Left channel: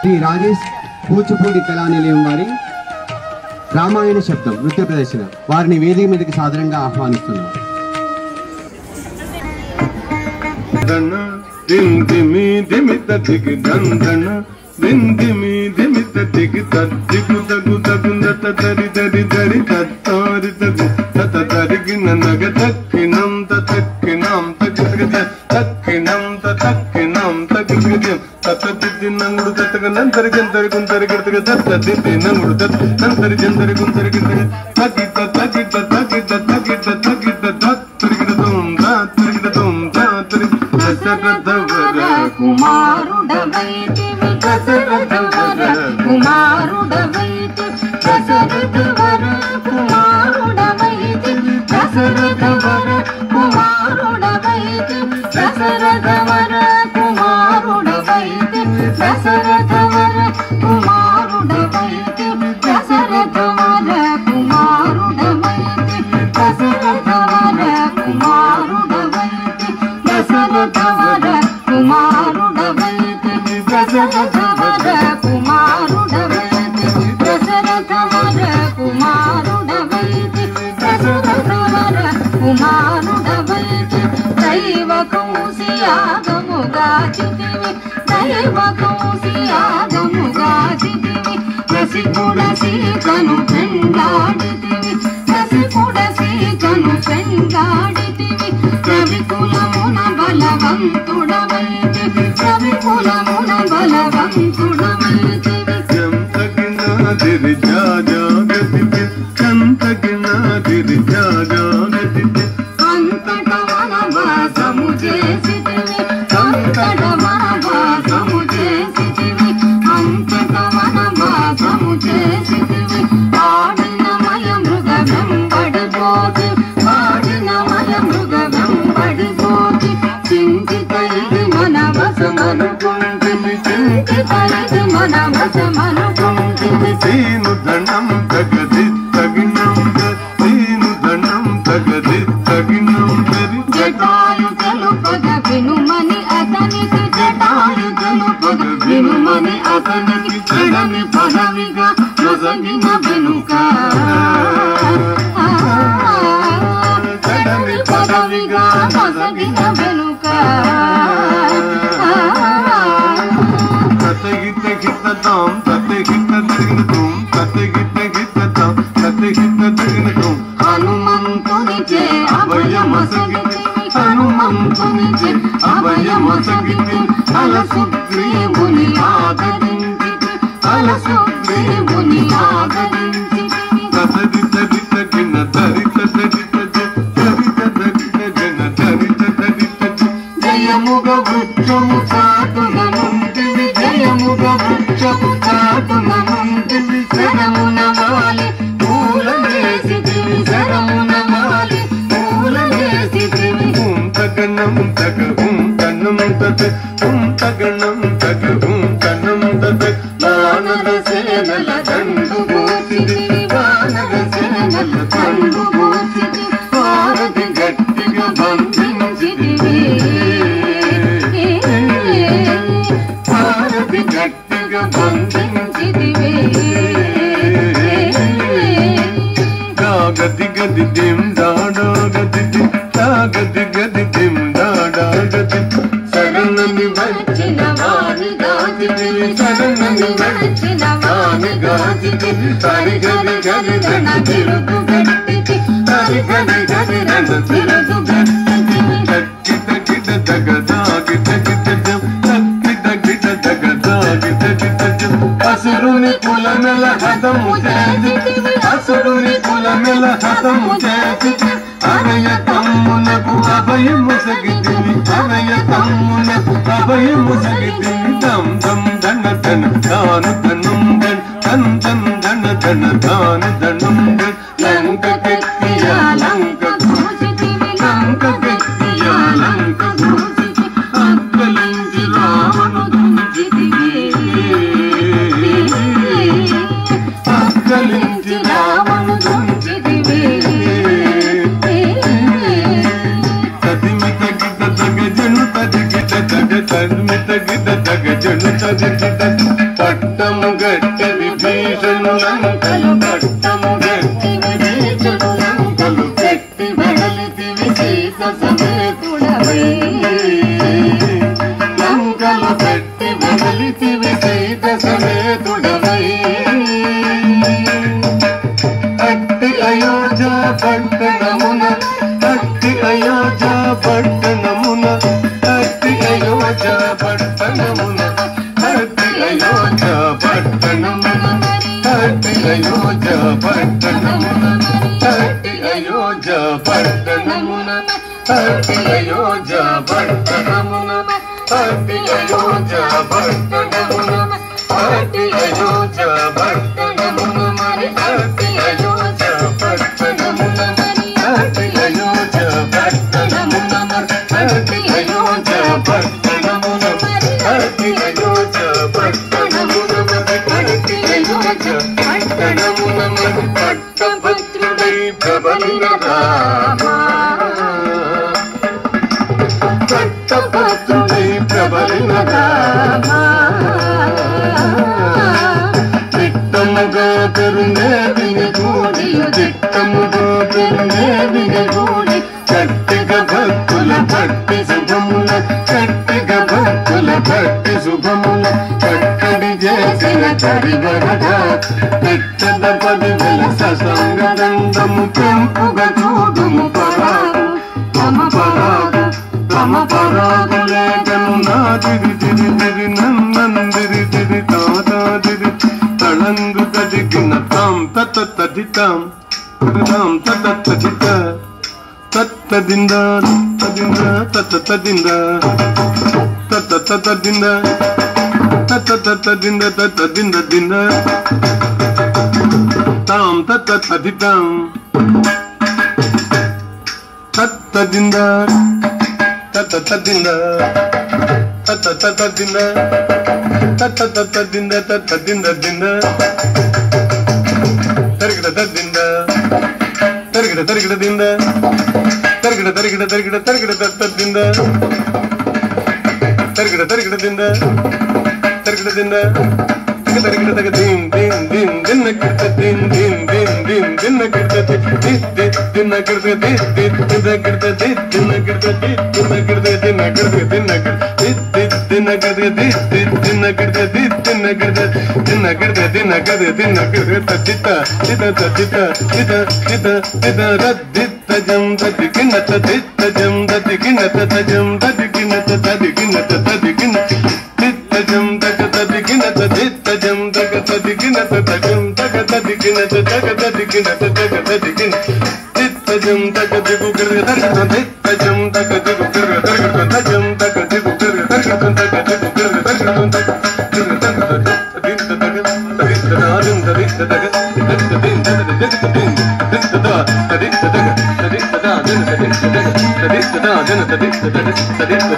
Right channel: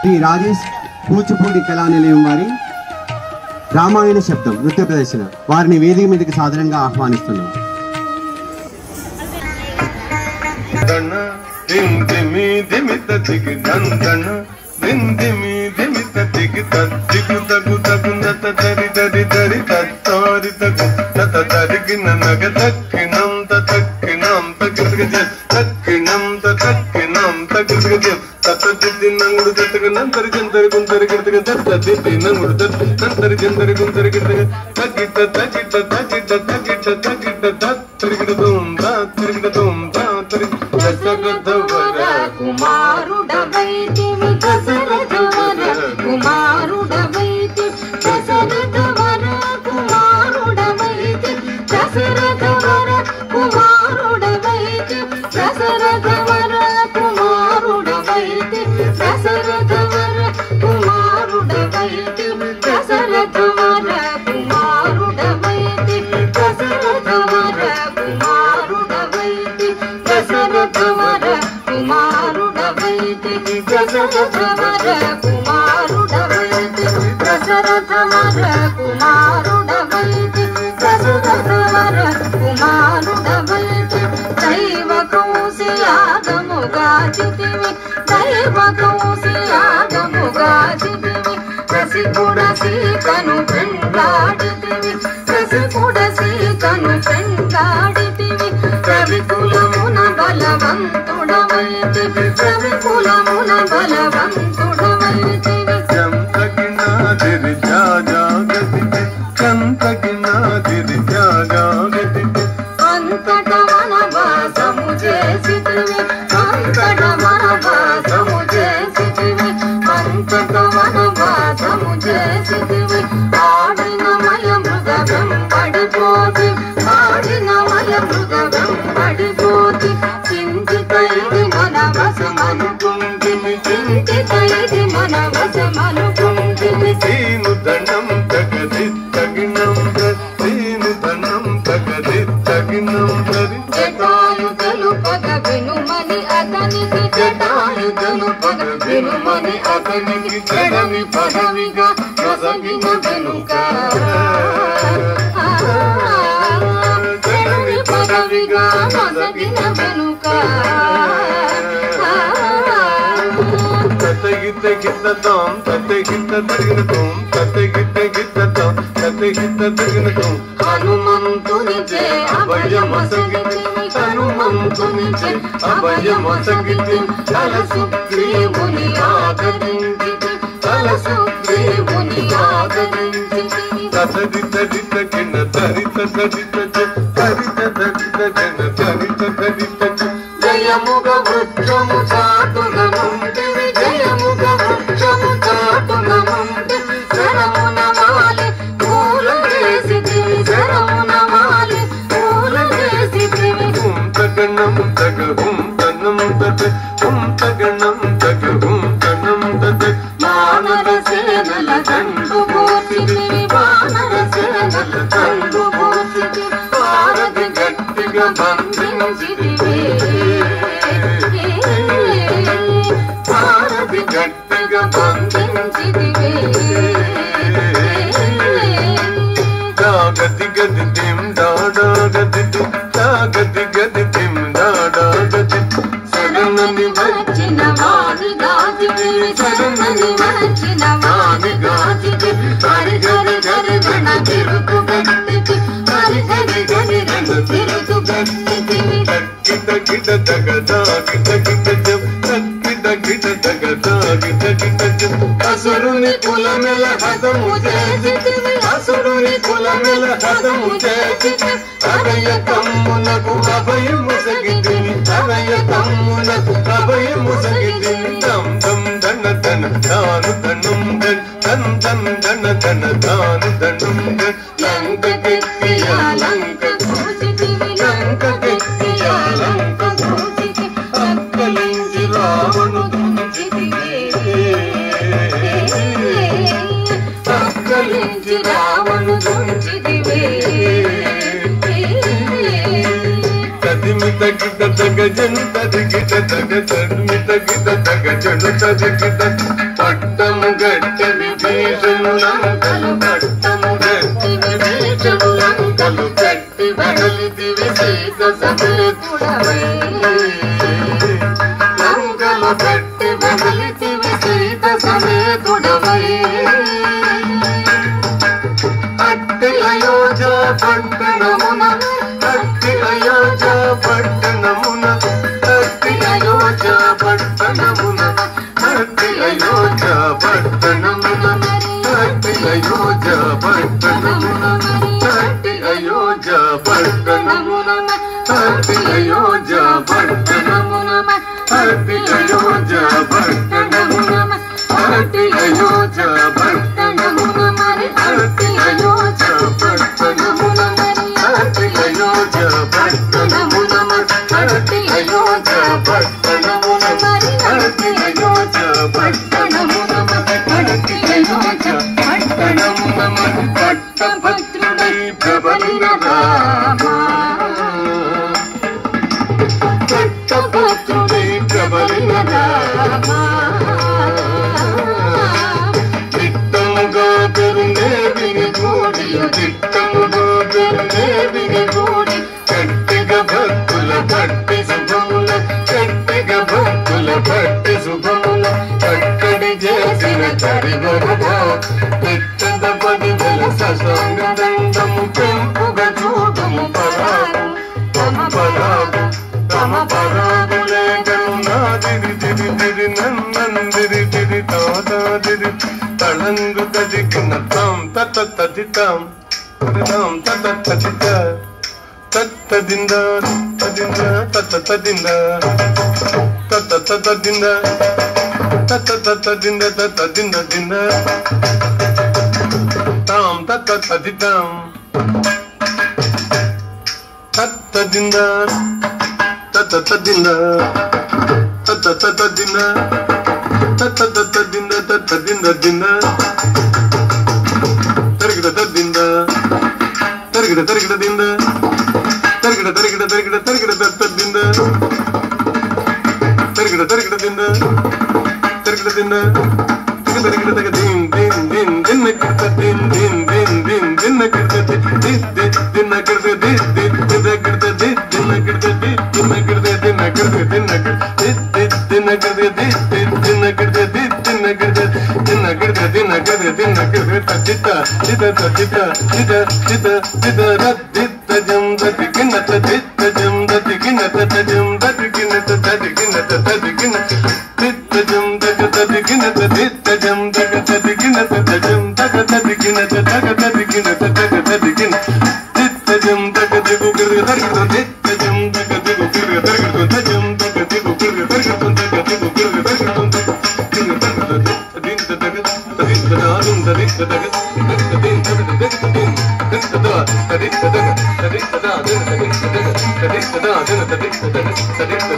శ్రీ రాజేష్ కూచిపూడి కళా నిలయం వారి రామాయణ శబ్దం నృత్య ప్రదర్శన వారిని వేదిక మీదకి సాదరంగా ఆహ్వానిస్తున్నాం. తన్నిత గిద తగజను తదిగిద పట్టము గట్టి విభీషణులంకలు పట్టము గట్టి విభీషణులంకలు పెట్టి వెడలితివి సీత సమేతుడవై లంకలు పెట్టి వెడలితివి సీత సమేతుడవై అట్టి అయోధ్య పట్టణమున అట్టి అయోధ్య పట్టణమున అట్టి అయోధ్య పట్టణమున అట్టి అయోధ్య పట్టణమున అట్టి అయోధ్య పట్టణమున అట్టి అయోధ్య పట్టణమున అట్టి అయోధ్య పట్టణమున అట్టి అయోధ్య పట్టణమున అట్టి అయోధ్య పట్టణమున మరి అట్టి అయోధ్య పట్టణమున అట్టి అయోధ్య పట్టణమున అట్టి అయోధ్య పట్టణమున అట్టి అయోధ్య పట్టణమున అట్టి అయోధ్య పట్టణమున పట్టభద్రుడై ప్రబలినదా పట్టభద్రుడై ప్రబలినదా చిత్తముగా పెరునేవిని గూడి చిత్తముగా పెరునేవిని గూడి కట్టిగ భక్తుల పట్టి శుభముల కట్టిగ భక్తుల పట్టి శుభముల కట్టడి చేసిన కరివరదా పెట్టద పదవుల ససంగదండము పెంపుగ చూడుము పరాగు తమ పరాగు తమ పరాగు లేఖను నాదిరి తిరి తిరి నన్నందిరి తిరి తాదాదిరి తళందు తదిగిన తాం తత తదితాం తాం తత తదిత తత్తదింద తదింద తత తదింద తత తతదింద తత తతదింద తతదింద దింద తాం తత తదితాం తత్తదింద తత తదింద తత తతదింద తత తతదింద తతదింద దింద తరిగిడ తద్దింద తరిగిడ తరిగిడ దింద తరిగిడ తరిగిడ తరిగిడ తరిగిడ తద్దింద తరిగిడ తరిగిడ దింద తరిగిడ దింద తరిగిడ తగ దీన్ దీన్ దీన్ దిన్న కిర్త దీన్ దీన్ దీన్ దీన్ దిన్న కిర్త దిన్న కిర్త దిన్న కిర్త దిన్న కిర్త దిన్న కిర్త దిన్న కిర్త దిన్న కిర్త దిన్న కిర్త దిన్న కిర్త దిన్న కిర్త దిన్న కిర్త దిన్న కిర్త చిత చిత చిత చిత చిత చిత రద్దిత జం దదికిన తదిత జం దదికిన తజం దదికిన తదికిన తదికిన చిత జం దదికిన తదిత జం దగతదికిన తజం దగతదికిన తగతదికిన తగతదికిన చిత జం దగదిగు గిరి దగత చిత జం దగదిగు గిరి దగత తజం దగదిగు గిరి దగత దగదిగు గిరి దగత దగత